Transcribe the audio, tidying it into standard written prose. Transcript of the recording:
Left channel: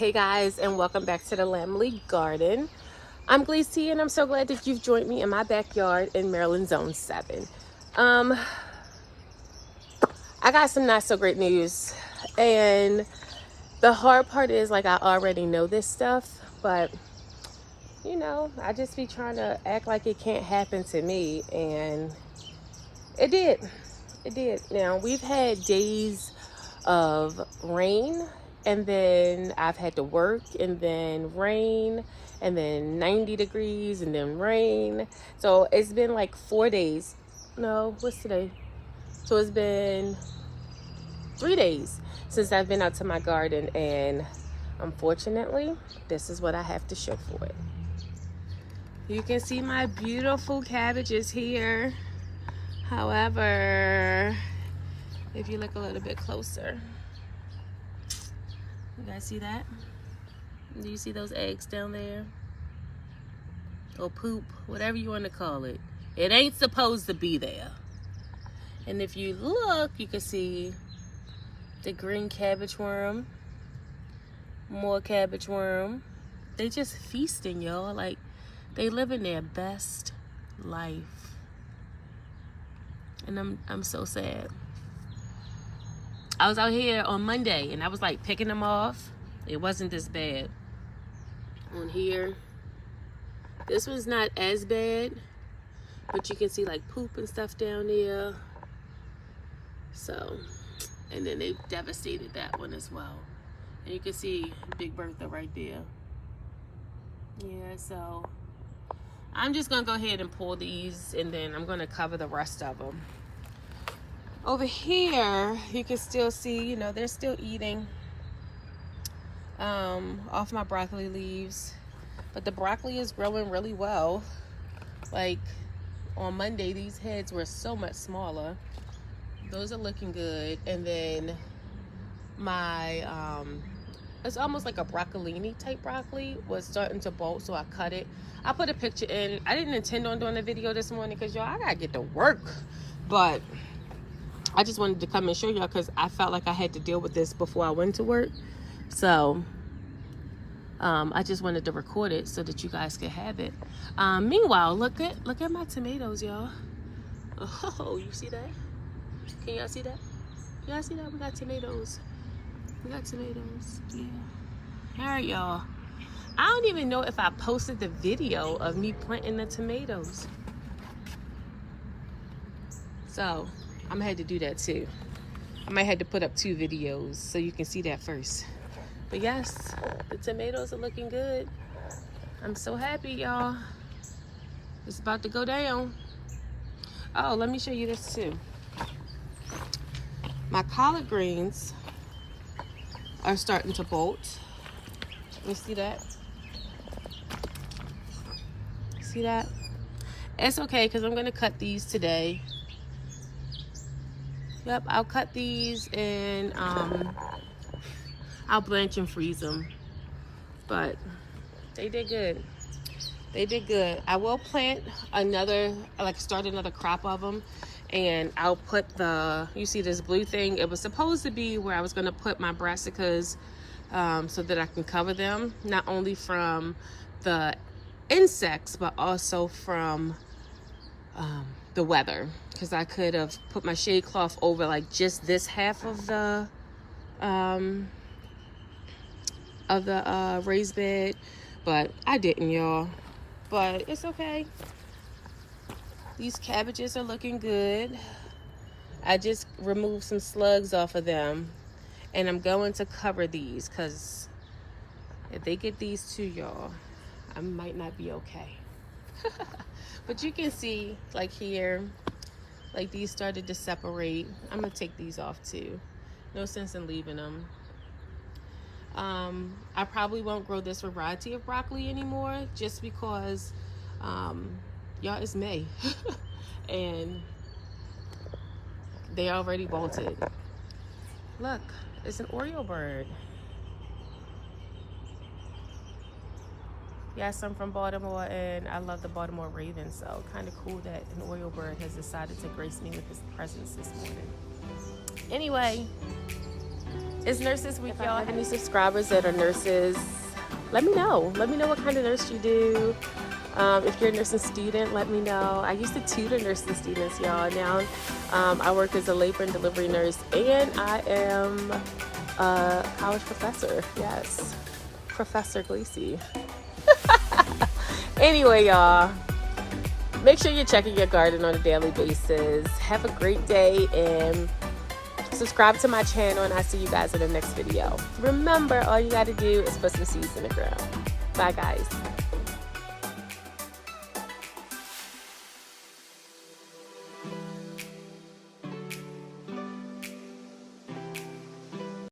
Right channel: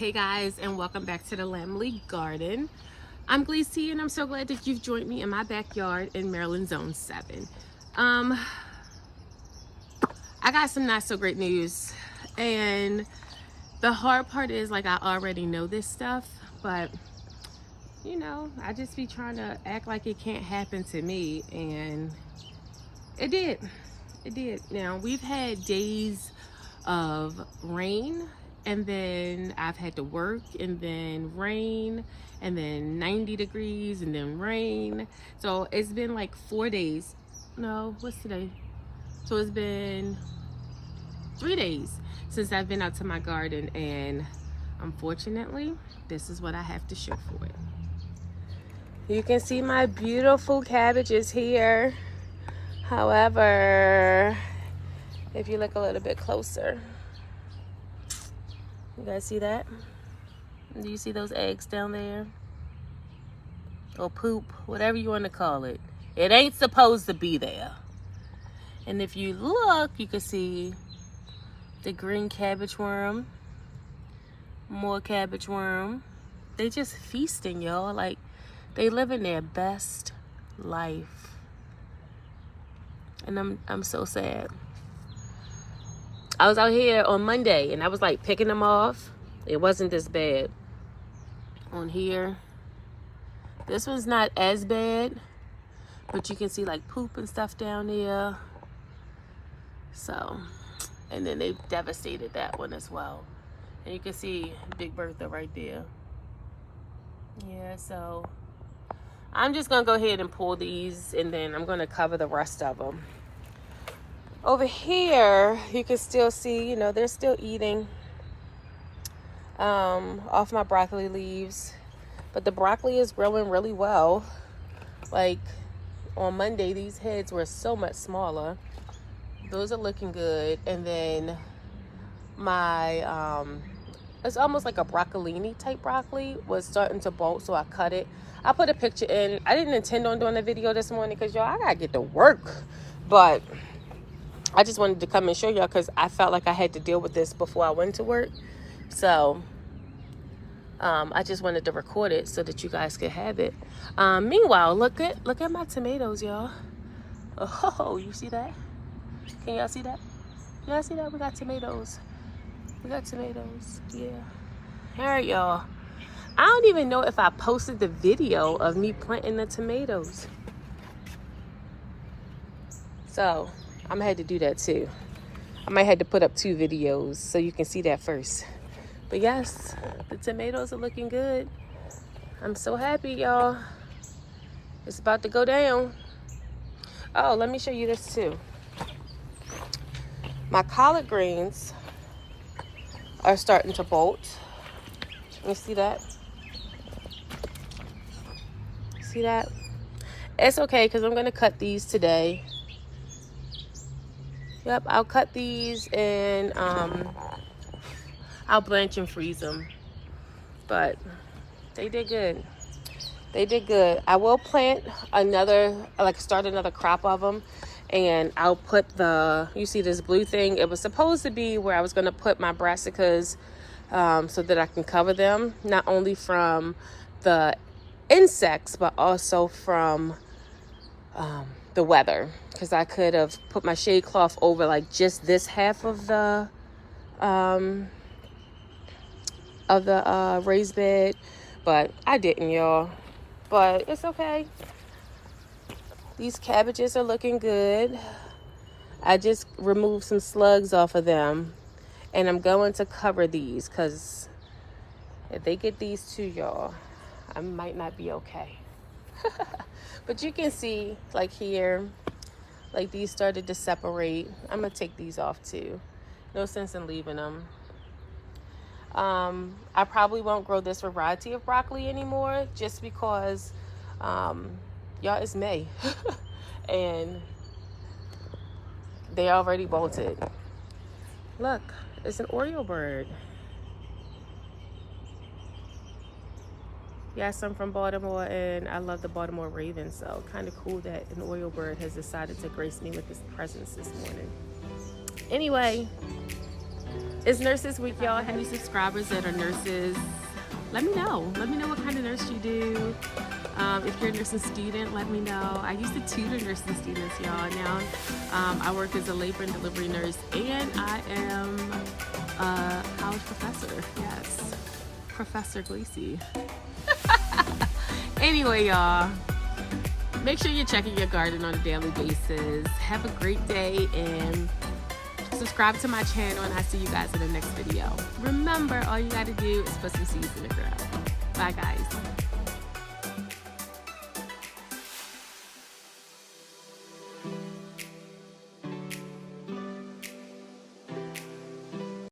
Hey guys, and welcome back to the Lamley Garden. I'm Glaze T, and I'm so glad that you've joined me in my backyard in Maryland Zone 7. I got some not so great news, and the hard part is, like, I already know this stuff, but you know, I just be trying to act like it can't happen to me, and it did. It did. Now, we've had days of rain, and then I've had to work, and then rain, and then 90 degrees, and then rain. So it's been like 4 days. No, what's today? So it's been 3 days since I've been out to my garden, and unfortunately, this is what I have to show for it. You can see my beautiful cabbages here. However, if you look a little bit closer, you guys see that? Do you see those eggs down there? Or poop, whatever you want to call it. It ain't supposed to be there. And if you look, you can see the green cabbage worm, more cabbage worm. They just feasting, y'all. Like, they living their best life. And I'm so sad. I was out here on Monday and I was like picking them off. It wasn't this bad. On here, this one's not as bad, but you can see like poop and stuff down there. So, and then they devastated that one as well. And you can see Big Bertha right there. Yeah, so I'm just gonna go ahead and pull these, and then I'm gonna cover the rest of them. Over here, you can still see, you know, they're still eating off my broccoli leaves. But the broccoli is growing really well. Like, on Monday, these heads were so much smaller. Those are looking good. And then my, it's almost like a broccolini type broccoli, was starting to bolt, so I cut it. I put a picture in. I didn't intend on doing a video this morning because, y'all, I gotta get to work. But I just wanted to come and show y'all because I felt like I had to deal with this before I went to work. So I just wanted to record it so that you guys could have it. Meanwhile, look at my tomatoes, y'all. Oh, you see that? Can y'all see that? Y'all see that? We got tomatoes. We got tomatoes. Yeah. All right, y'all. I don't even know if I posted the video of me planting the tomatoes. So I'm gonna have to do that too. I might have to put up 2 videos so you can see that first. But yes, the tomatoes are looking good. I'm so happy, y'all. It's about to go down. Oh, let me show you this too. My collard greens are starting to bolt. You see that? See that? It's okay because I'm gonna cut these today. Yep, I'll cut these and I'll blanch and freeze them. But they did good. They did good. I will plant another, like start another crop of them. And I'll put you see this blue thing? It was supposed to be where I was gonna put my brassicas so that I can cover them. Not only from the insects, but also from the weather, because I could have put my shade cloth over like just this half of the raised bed, but I didn't, y'all. But it's okay. These cabbages are looking good. I just removed some slugs off of them, and I'm going to cover these because if they get these too, y'all, I might not be okay. But you can see, like here, like these started to separate. I'm gonna take these off too. No sense in leaving them. I probably won't grow this variety of broccoli anymore just because, y'all, it's May. And they already bolted. Look, it's an Oriole bird. Yes, I'm from Baltimore, and I love the Baltimore Ravens, so kind of cool that an Oriole bird has decided to grace me with his presence this morning. Anyway, It's Nurses Week, y'all. Any subscribers that are nurses, let me know. Let me know what kind of nurse you do. If you're a nursing student, let me know. I used to tutor nursing students, y'all. Now I work as a labor and delivery nurse, and I am a college professor. Yes, Professor Gleesy. Anyway, y'all, make sure you're checking your garden on a daily basis. Have a great day, and subscribe to my channel, and I'll see you guys in the next video. Remember, all you got to do is put some seeds in the ground. Bye, guys.